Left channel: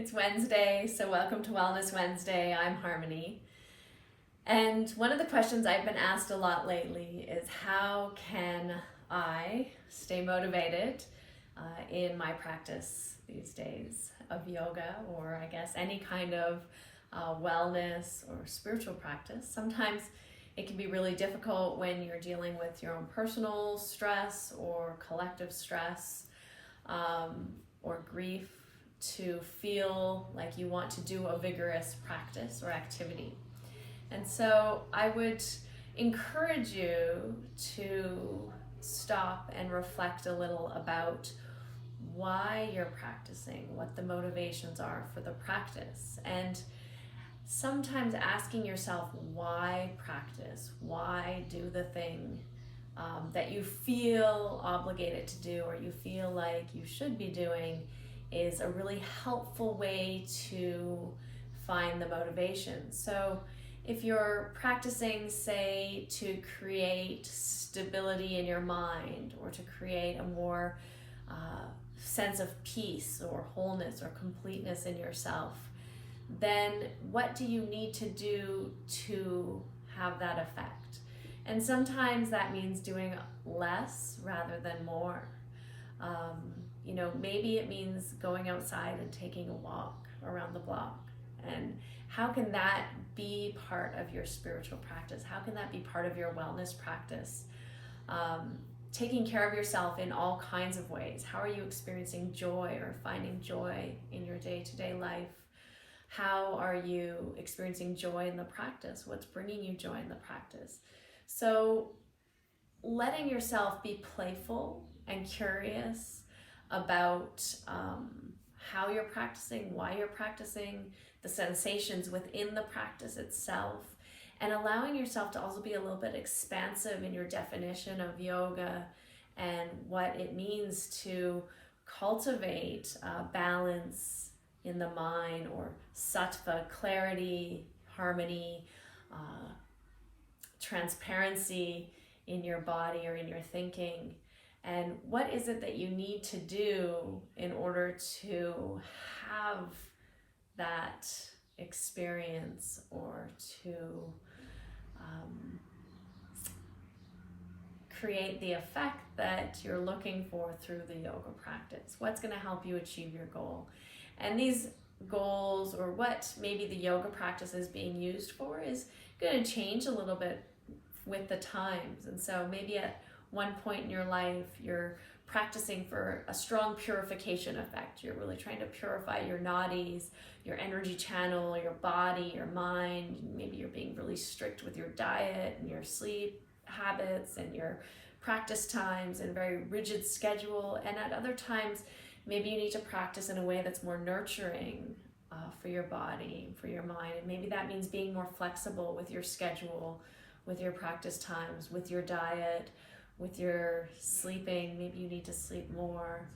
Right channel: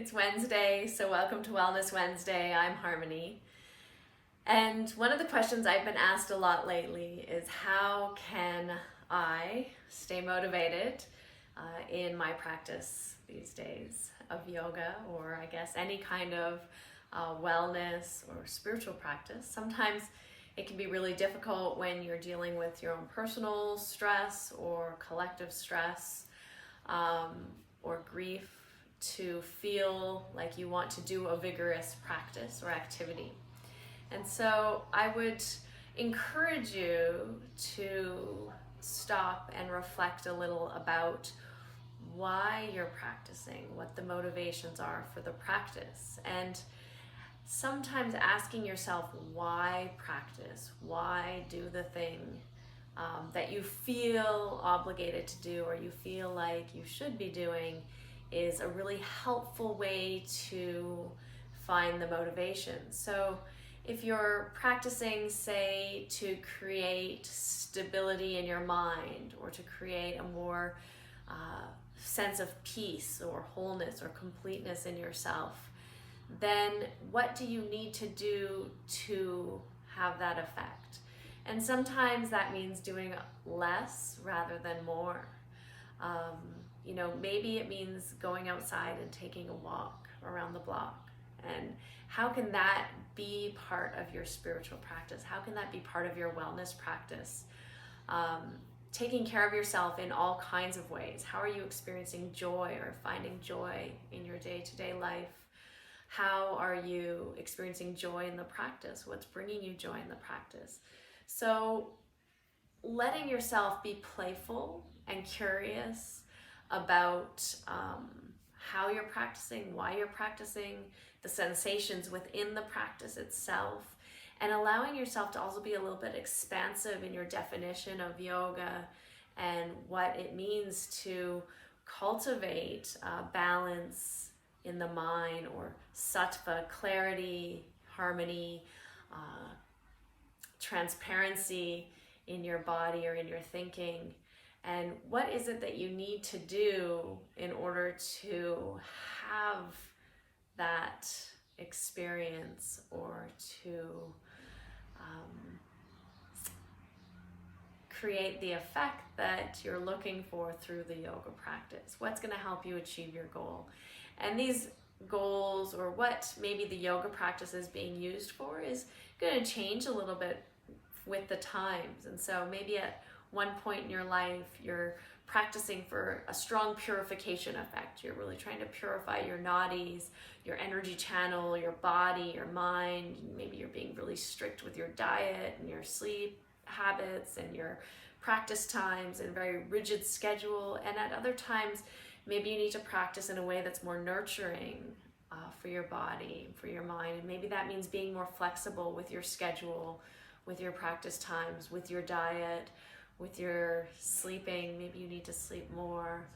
It's Wednesday, so welcome to Wellness Wednesday. I'm Harmony. And one of the questions I've been asked a lot lately is how can I stay motivated in my practice these days of yoga, or I guess any kind of wellness or spiritual practice. Sometimes it can be really difficult when you're dealing with your own personal stress or collective stress or grief to feel like you want to do a vigorous practice or activity. And so I would encourage you to stop and reflect a little about why you're practicing, what the motivations are for the practice, and sometimes asking yourself why practice, why do the thing that you feel obligated to do or you feel like you should be doing is a really helpful way to find the motivation. So if you're practicing, say, to create stability in your mind or to create a more sense of peace or wholeness or completeness in yourself, then what do you need to do to have that effect? And sometimes that means doing less rather than more. Maybe it means going outside and taking a walk around the block. And how can that be part of your spiritual practice? How can that be part of your wellness practice? Taking care of yourself in all kinds of ways. How are you experiencing joy or finding joy in your day-to-day life? How are you experiencing joy in the practice? What's bringing you joy in the practice? So letting yourself be playful and curious about how you're practicing, why you're practicing, the sensations within the practice itself, and allowing yourself to also be a little bit expansive in your definition of yoga and what it means to cultivate balance in the mind, or sattva, clarity, harmony, transparency in your body or in your thinking. And what is it that you need to do in order to have that experience or to create the effect that you're looking for through the yoga practice? What's going to help you achieve your goal? And these goals, or what maybe the yoga practice is being used for, is going to change a little bit with the times. And so maybe at one point in your life, you're practicing for a strong purification effect. You're really trying to purify your nadis, your energy channel, your body, your mind. Maybe you're being really strict with your diet and your sleep habits and your practice times and a very rigid schedule. And at other times, maybe you need to practice in a way that's more nurturing for your body and for your mind. And maybe that means being more flexible with your schedule, with your practice times, with your diet, with your sleeping. Maybe you need to sleep more.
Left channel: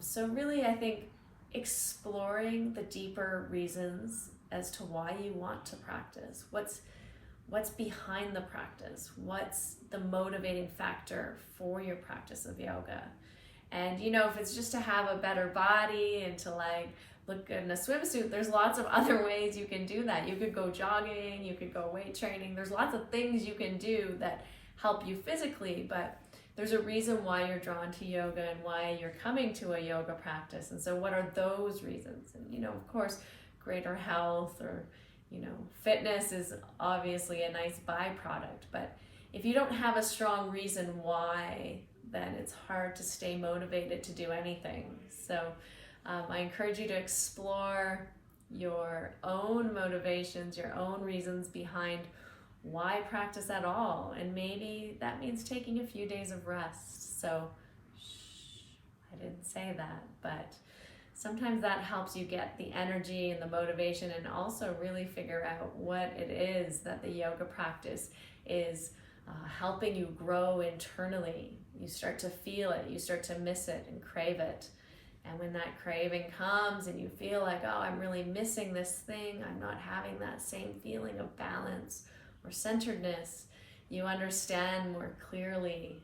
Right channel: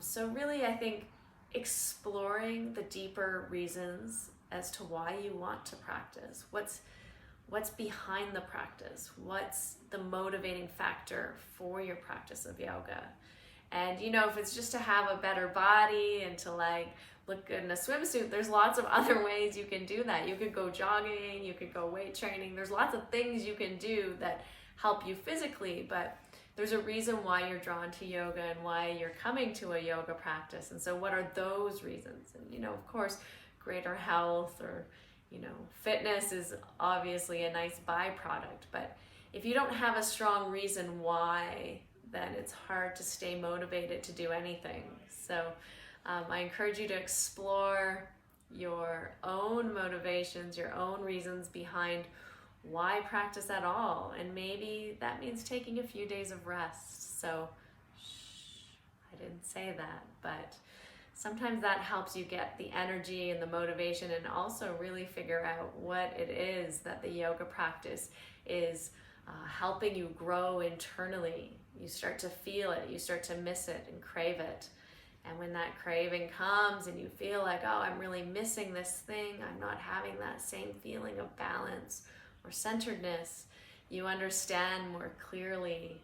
So really, I think exploring the deeper reasons as to why you want to practice. What's behind the practice? What's the motivating factor for your practice of yoga? And if it's just to have a better body and to look good in a swimsuit, there's lots of other ways you can do that. You could go jogging, you could go weight training. There's lots of things you can do that help you physically, but there's a reason why you're drawn to yoga and why you're coming to a yoga practice. And so what are those reasons? And of course, greater health or fitness is obviously a nice byproduct, but if you don't have a strong reason why, then it's hard to stay motivated to do anything. So I encourage you to explore your own motivations, your own reasons behind why practice at all. And maybe that means taking a few days of rest. So I didn't say that, but sometimes that helps you get the energy and the motivation, and also really figure out what it is that the yoga practice is helping you grow internally. You start to feel it, you start to miss it and crave it. And when that craving comes and you feel like, oh, I'm really missing this thing, I'm not having that same feeling of balance or centeredness, you understand more clearly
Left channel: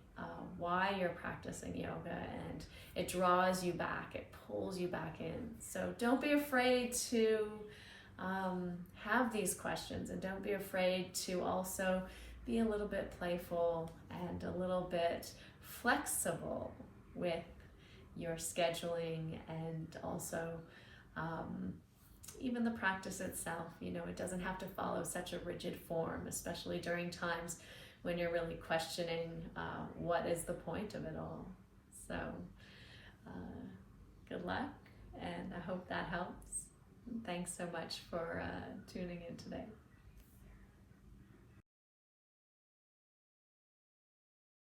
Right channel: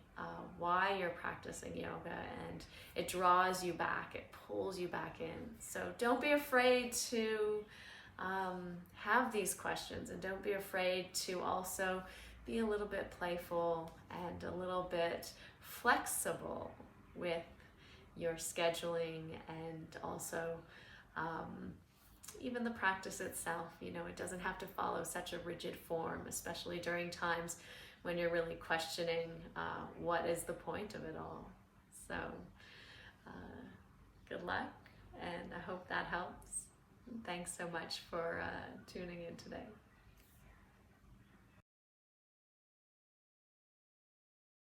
why you're practicing yoga, and it draws you back, it pulls you back in. So don't be afraid to have these questions, and don't be afraid to also be a little bit playful and a little bit flexible with your scheduling, and also even the practice itself. You know, it doesn't have to follow such a rigid form, especially during times when you're really questioning what is the point of it all. So good luck, and I hope that helps. Thanks so much for tuning in today.